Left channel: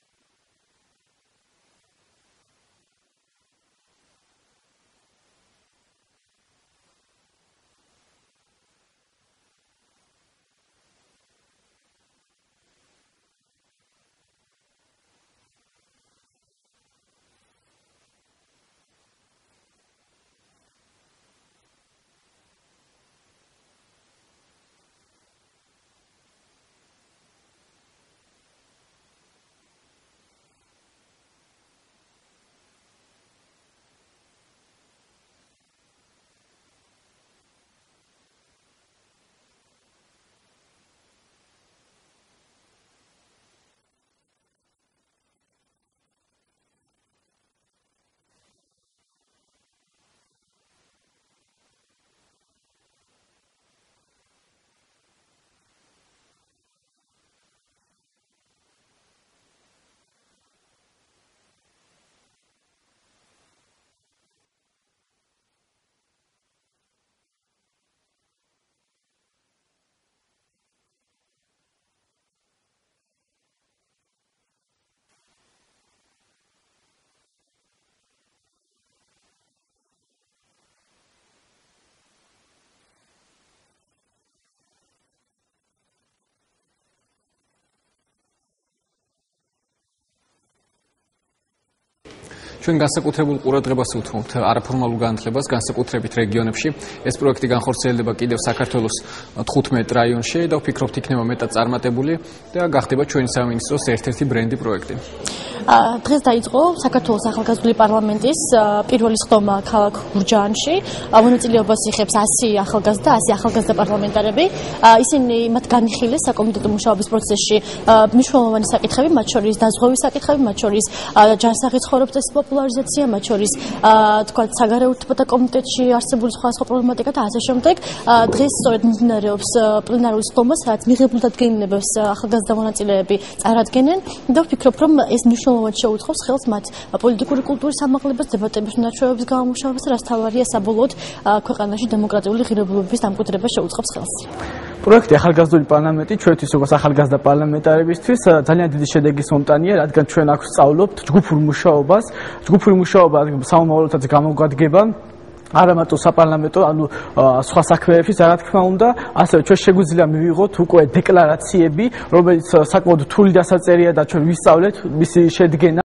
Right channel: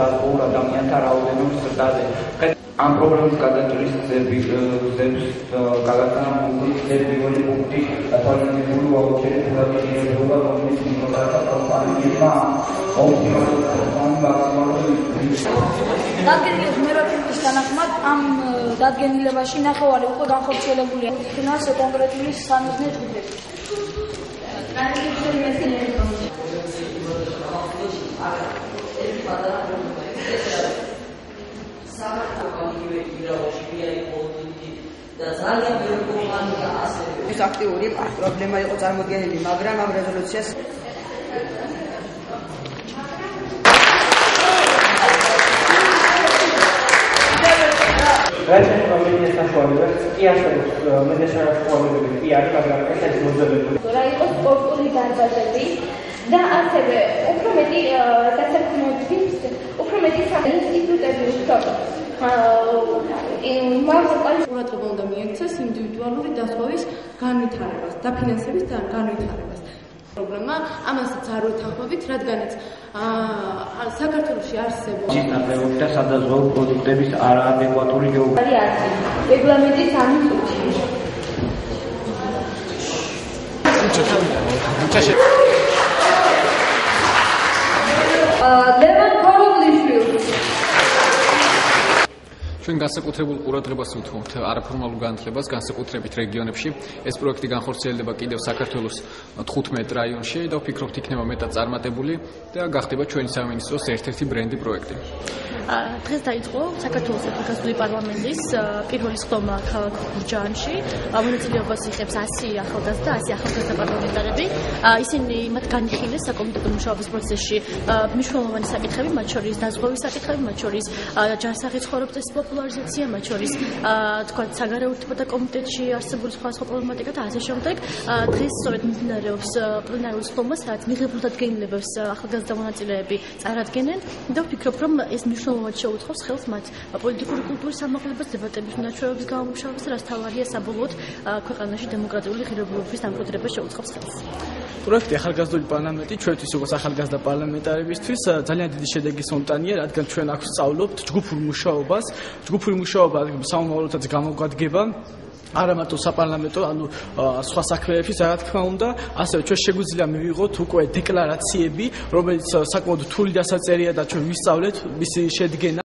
დაზღვეულ ადამიანთა რაოდენობის ზრდაზე. ამ პრობლემის გადაჭრის გზების გადატანა მიღებული პუნქტი თვალსაჩინო აუცილებელი ფუნქციონირება რომლის მიმართება კომპანიებმა დადგენილების მეროჩების თანახმად ამ დადგენილებაში ნახევარი უკვე განხორციელებულია ფინანს კონკრეტული სამიზნე ჯგუფები. ეს აქტიური პრობლემა იყო წარმოდგენილი, მაგრამ ამ რეზოლუციას რაჩენ პრობლემის საშუალებებს კი არსებობს მედიასაშუალებები კი არის, მაგრამ ეს არის მოძებნებული. რა იყოს სპორტული განზრახები და ასევე უფრო მეტი დასაქმებების, უფრო მეტი ინსტიტუტები ვთქვათ. ყურადღება უნდა მიექცეს ინდივიდუალური დასვავის განვითარებას, დაფინანსების განვითარებას. პრობლემა ამასაც არ ვეთანხმებით, რადგანაც საქართველოში არსებობს ნაკლებობი და სადაზღვევო პროდუქტების არაადეკვატური გეოგრაფია. რეგლამენტის ამიწუთი. ჩვენ განსაკუთრებულ ყურადღებას უთმობთ არაფორმალურ განათლებას, განსაკუთრებით რეგიონებში. ეს პროექტი განხორციელდება კიდევ საქართველოს 15 რაიონში და ვფიქრობთ, იქნება მეტად წარმატებული და გახდება ჩვენი სამინისტროს ერთ-ერთი ბრენდი პროექტი. დღეს დაიწყო საქართველოს ახალგაზრდული პარლამენტის პირველი სხდომა ქალაქ გურჯაანში. მონაწილეობას იღებს 100 ახალგაზრდა, 100 ახალგაზრდა პარლამენტარები. ისინი მათ განიხილეს საკომიტეტო მუშაობის პროცესში მნიშვნელოვანი საკითხები, მათ შორის დაზღვევის საკითხები, მათ შორის ჯანსაღი ცხოვრების წესის პოპულარიზაცია, მათ შორის თქვათ საგარეო ურთიერთობათა კომიტეტში არსებული სხვადასხვა პრობლემატიკა და ასე შემდეგ. დღეს სწორედ მიმდინარეობს პლენარული სხდომა, სადაც მიღებულ დადგენილებას ახალგაზრდა მონაწილეები წარადგენენ და ვფიქრობ, რომ ეს მნიშვნელოვნად შეუწყობს ხელს მათ პოლიტიკური კულტურის ამაღლებას, დებატების უნარჩვევების გამომუშავებას, რაც თავარია საბოლოოდ ქვეყანაში დემოკრატიული ღირებულებების დამკვიდრებას შეუწყობს ხელს. პროექტი ახალგაზრდული პარლამენტი ჩვენთვის როგორც ახალგაზრდა პარლამენტარებისთვის ძალიან დიდი შედეგის მომტანია, რადგან ჩვენ აქ ვსწავლობთ ჯგუფურ მუშაობას. ჯგუფური მუშაობა სამომავლოდაც გამოგვადგება არა მარტო საპარლამენტო, ანუ სხვა საქმეებში, რა თქმა უნდა, ასევე ჩვენ შეგვიძლია მივიღოთ უკვე დეკლარაციები, რომელიც საკმაოდ რთული დასაწერია და ჩვენ ვისწავლეთ მისი შედგენა.